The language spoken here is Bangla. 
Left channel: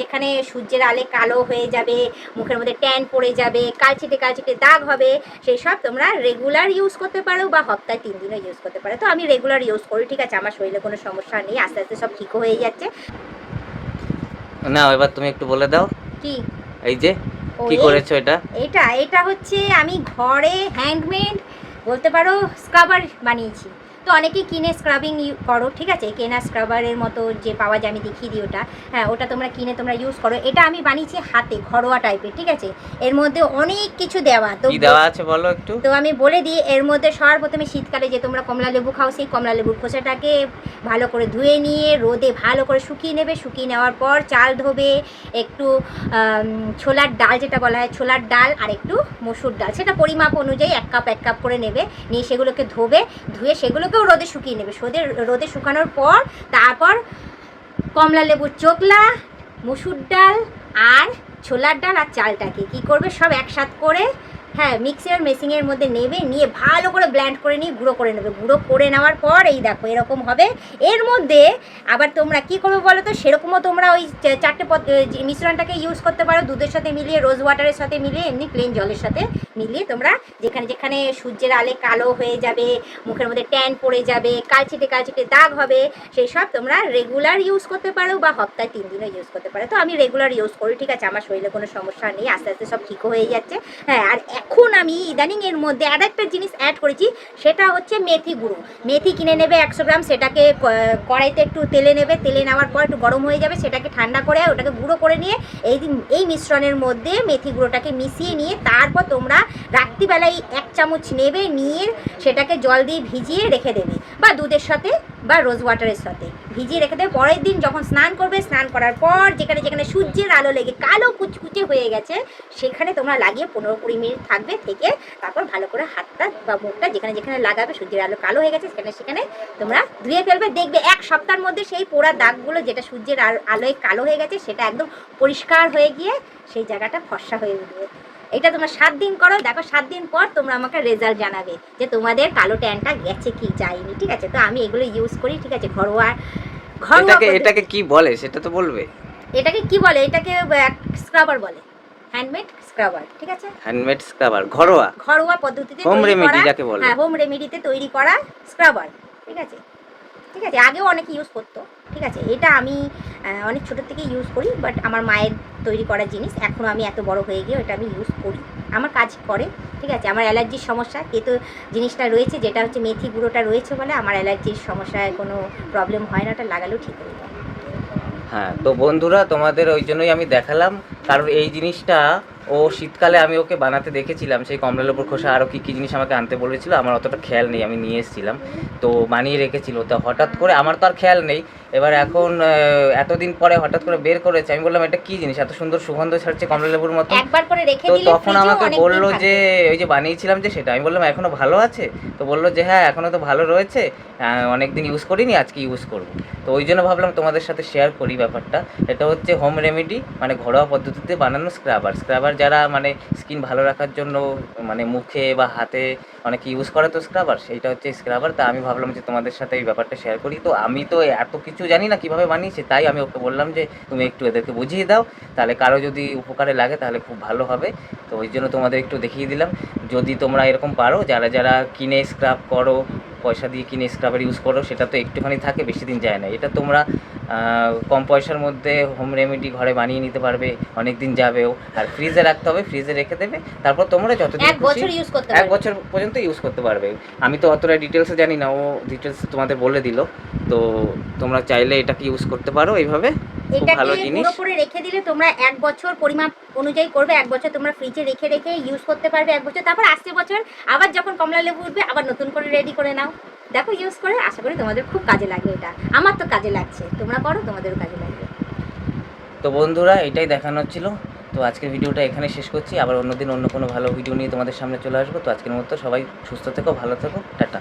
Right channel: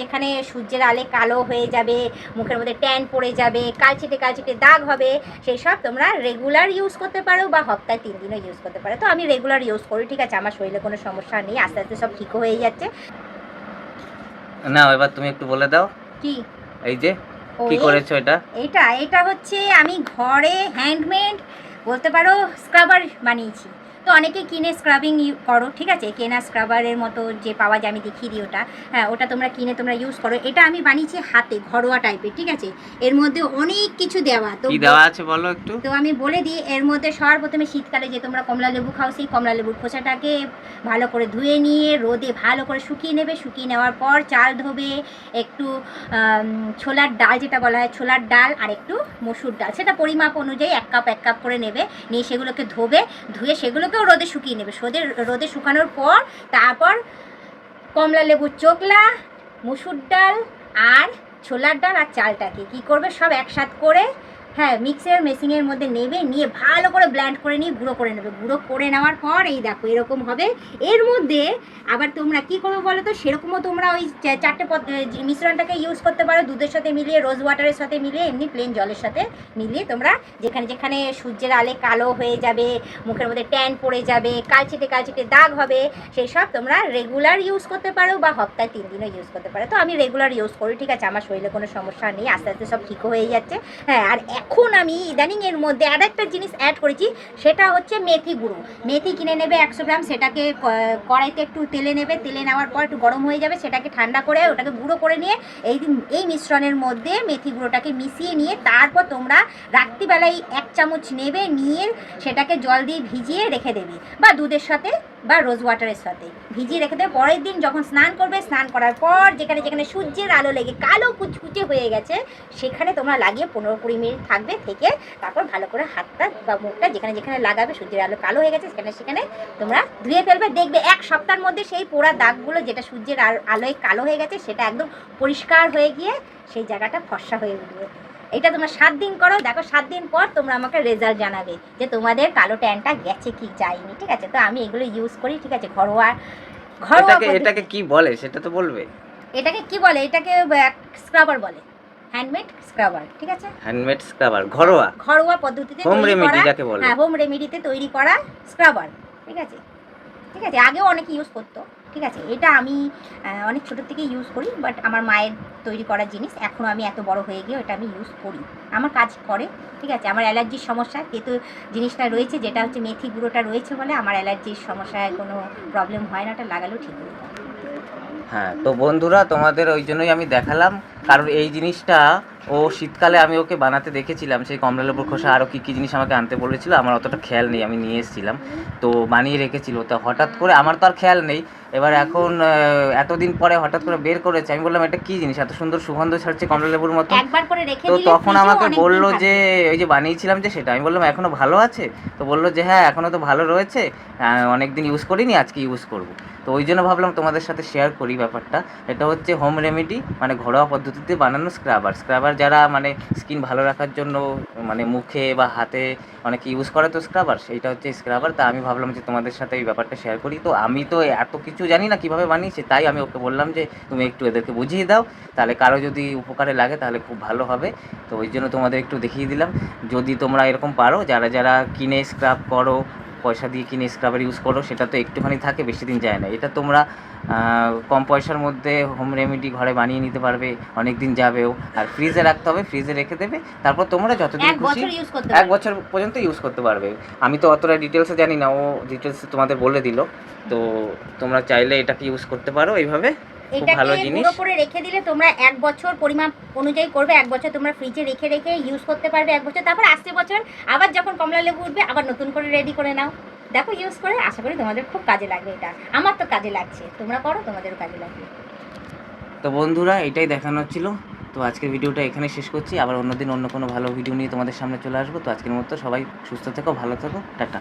যেখানে যেখানে সূর্যের আলে কালো হয়ে যাবে, মুখের মধ্যে ট্যান পড়ে যাবে, কালচেটে দাগ হবে, সেই সব তোমরা রেগুলার ইউজ করতে পারো বা সপ্তাহে 3 দিনও ইউজ করতে পারো। তো আমি রেগুলার ইউজ করি, ঠিক আছে, আমার শরীরে কোনো সমস্যা নেই, আস্তে আস্তে সব ঠিক হয়ে যাচ্ছে। না এবার তুমি একটু বলে দাও কি এই যে কি করেছো এটা? এটা হচ্ছে আমি ঘরে হ্যান্ডমেড বলতে পারো স্ক্রাবার বানিয়েছি। তো অনেকেই কিনে স্ক্রাবিং করো, ঠিক আছে, কেনা স্ক্রাবারের মতো যে পাওয়া যায়, আমি দেখিয়ে দিই ওটা। হ্যাঁ, ওটা তোমরা কিনে তোমরা ইউজ করো। এটা আমি বানিয়েছি হাতে, ঘরোয়া টাইপের, ঠিক আছে। এর মধ্যে অনেক কিছু দেওয়া, তো কি দেওয়া আছে বলো একটু। তো আমি বলে দিই, এর মধ্যে সর্বপ্রথমে শীতকালে যে তোমরা কমলা লেবু খাও, সেই কমলা লেবুর খোসাটাকে ভালো করে ধুয়ে নিয়ে রোদে ভালো করে শুকিয়ে নেবে। শুকিয়ে নেওয়ার পর চাল ধোবে, একটু ছোলার ডাল, যেটা বলা হয় ছোলার ডাল, আর একটু মসুর ডাল, সেটা পরিমাপ অনুযায়ী এক কাপ করে নেবে। নিয়ে সেগুলোকে ধুয়ে সেগুলোকেও রোদে শুকিয়ে নেবে। রোদে শুকানোর পর তারপর কমলা লেবুর চোকলা, মসুর ডাল আর ছোলার ডাল আর চালটাকে কী করবে, সব একসাথে করে, হ্যাঁ, মিক্সার মেশিনের মধ্যে নেবে, নিয়ে ভালো করে ব্লেন্ড করে নিয়ে গুঁড়ো করে নেবে। গুঁড়ো করে নেওয়ার পর এই দেখো এরকম হবে। এর মধ্যে আবার তোমরা কী করবে বলো তো, সেরকমও তোমরা ওই 4টে মিশ্রণটাকে ইউজ করতে পারো, দুধের সাথে মিলিয়ে, রোজ ওয়াটারের সাথে মিলিয়ে, এমনি প্লেন জলের সাথে মিলিয়ে তোমরা যেখানে যেখানে সূর্যের আলে কালো হয়ে যাবে, মুখের মধ্যে ট্যান পড়ে যাবে, কালচেটে দাগ হবে, সেই সব তোমরা রেগুলার ইউজ করতে পারো বা সপ্তাহে 3 দিনও ইউজ করতে পারো। তো আমি রেগুলার ইউজ করি, ঠিক আছে, আমার শরীরে কোনো সমস্যা নেই, আস্তে আস্তে সব ঠিক হয়ে যাচ্ছে। হ্যাঁ, আর এখন আমি ইদানিং এর মধ্যে আর একটা জিনিস অ্যাড করেছি, সেটা হচ্ছে মেথি গুঁড়ো। মেথি কিনে নেবে 100 গ্রাম, সেটাকে কড়াইতে একটু তেলে নেবে, তেলে নেওয়ার পর একটু গরম হয়ে যাবে, সেটাকে ঠান্ডা করে ওটাকে গুঁড়ো করে নিয়ে এই মিশ্রণের মধ্যে মেথি গুঁড়োটাকে মিশিয়ে নিয়ে তারপর তোমরা রাত্রিবেলায় 1 চামচ নেবে, নিয়ে সেটাকে জল দিয়ে ভিজিয়ে রেখে দেবে, বা দুধের সাথে বা রোজ ওয়াটারের সাথে ভিজিয়ে রেখে দেবে। পরের দিন যখন স্নান করবে, স্নান করার পর যেখানে যেখানে সূর্যের আলো লেগে কালো কুচকুচে হয়ে গেছে, সেখানে তোমরা লাগিয়ে 15-20 মিনিট থাকবে, থেকে তারপর ভালো করে হাতটা বা মুখটা যেখানে যেখানে লাগাবে, সূর্যের আলো কালো হয়ে গেছে সেখানে তোমরা ধুয়ে ফেলবে। দেখবে 1 সপ্তাহের মধ্যে সেই পোড়া দাগগুলো, যেটা সূর্যের আলোয় কালো হয়ে গেছে, সেটা একদম পরিষ্কার হয়ে গিয়ে সেই জায়গাটা ফর্সা হয়ে উঠবে। এটা তোমরা 7 দিন করো, দেখো 7 দিন পর তোমরা আমাকে রেজাল্ট জানাবে যে তোমাদের কালো ট্যানটা গেছে কি যায়নি, ঠিক আছে। তো আমি এগুলো ইউজ করি, ঠিক আছে, ঘরোয়া। এটাকে কি বলে সেটা তো বলবে। এটাকে কি বলে? এটাকে স্ক্রাবার বলে, হ্যান্ডমেড স্ক্রাবার, ঠিক আছে, হ্যান্ডমেড স্ক্রাবার, ঘরোয়া পদ্ধতিতে হোম তৈরি রেমেডি করা। যাকে বলে। হ্যাঁ, হোম রেমেডিতে তৈরি করা স্ক্রাবার, ঠিক আছে, ঠিক আছে। আগেও অনেকে ইউজ করতো, ঠিক আছে। এটা আমি অনেক ছোটোর থেকে ইউজ করি, বাট আমার মায়ের তৈরি করা জিনিস, এখনও আমি এত বড় হয়ে গিয়ে ওটা আমি ইউজ করি, আমার কাজ করে, ঠিক আছে। আমার অ্যালার্জির সমস্যা তেতো জিনিসটা রয়েছে, যেটা হচ্ছে মেথি গুঁড়োটা রয়েছে বলে আমার অ্যালার্জির সমস্যায় কোনো প্রবলেম হয় না, ওটা লাগালেও ঠিক হয়ে যায়। হ্যাঁ, তো বন্ধুরা তোমাদের ওই জন্যই আমি দেখালাম, কারণ এই জিনিসটা ও শীতকালে আমি ওকে বানাতে দেখেছিলাম, সেই কমলা লেবুর খোসা আরও কী কী জিনিস আমাকে আনতে বলেছিল, আমার অতটা খেয়াল নেই, আমি নিয়ে এসেছিলাম, তো বানিয়ে রেখেছিল। তো হঠাৎ করে আমার তো আর খেয়াল নেই, এবার এখন এতদিন পরে হঠাৎ করে বের করেছে, আমি বললাম এটা কী জিনিস, এত সুন্দর সুগন্ধ ছাড়ছে কমলা লেবুর মতো। তো তখন আমাকে বললো যে ওই যে বানিয়েছিলাম যে সেটা, আমি বললাম এখনও ভালো আছে, তো বললো যে হ্যাঁ এখনও তো ভালো রয়েছে, অনেক দিন ইউজ করিনি, আজকে ইউজ করব। তো ওই জন্য ভাবলাম তোমাদের সাথে শেয়ার করি ব্যাপারটা। এটা হচ্ছে হোম রেমেডি, মানে ঘরোয়া পদ্ধতিতে বানানো স্ক্রাবার যারা মানে স্কিন ভালো রাখার জন্য মানে মুখে বা হাতে অনেকে ইউজ করে, তো স্ক্রাবার, সেইটা হচ্ছে স্ক্রাবার। তা আমি ভাবলাম যে তোমাদের সাথে এই ব্যাপারটা শেয়ার করি। তো আমি তো এত কিছু জানি না কীভাবে বানিয়েছে, তাই আমি ওকে বললাম যে তুমি একটু এদেরকে বুঝিয়ে দাও, তাহলে কারো যদি উপকারে লাগে তাহলে খুব ভালো হবে। তো ওই জন্য তোমাদের একটু দেখিয়ে দিলাম, যদি তোমরা এরকম পারো, যারা যারা কিনে স্ক্রাব করো, পয়সা দিয়ে কিনে স্ক্রাবার ইউজ করো, সেটা তো একটুখানি থাকে, বেশি দিন যায় না। এটা তোমরা কম পয়সার মধ্যে হোম রেমেডি ঘরে বানিয়ে নিতে পারবে, অনেক দিন যাবেও। আর ফ্রিজে রাখতে হবে, ফ্রিজে রেখে দেবে, তারপর তোমরা যতদিন খুশি 1 বছর পর্যন্ত ইউজ করতে পারবে। আমি তো অতটা ডিটেলসে জানি না, ও ডিটেলসে তোমাদের বলে দিল। তো তোমরা চাইলে এটাকে ইউজ করতে পারো এইভাবে, খুব ভালো জিনিস। গুঁড়ো করে রেখে দিলে তোমরা 1 বছর পরিমাপ অনুযায়ী করবে, 1 বছর তোমরা ফ্রিজে রেখে ইউজ করতে পারবে 1 বছর। তারপর আসছে বছর আবার যখন কমলা লেবু উঠবে আবার নতুন করে রেডি করে নাও, দেখো ইউজ করে, আশা করি তোমাদের খুব কাজে লাগবে। এটা আমার তো কাজে লাগছে, তোমরা করো, তোমাদেরও কাজে লাগবে। তো বন্ধুরা এটাই দেখানোর ছিল। তো আজকের ভিডিওটা এখানে শেষ করছি, আবার অন্যদিন অন্য কোনো ভালো ভিডিও নিয়ে তোমাদের সামনে চলে আসবো। তো আজকের মতো সবাই সুস্থ থেকো, ভালো থেকো, টাটা।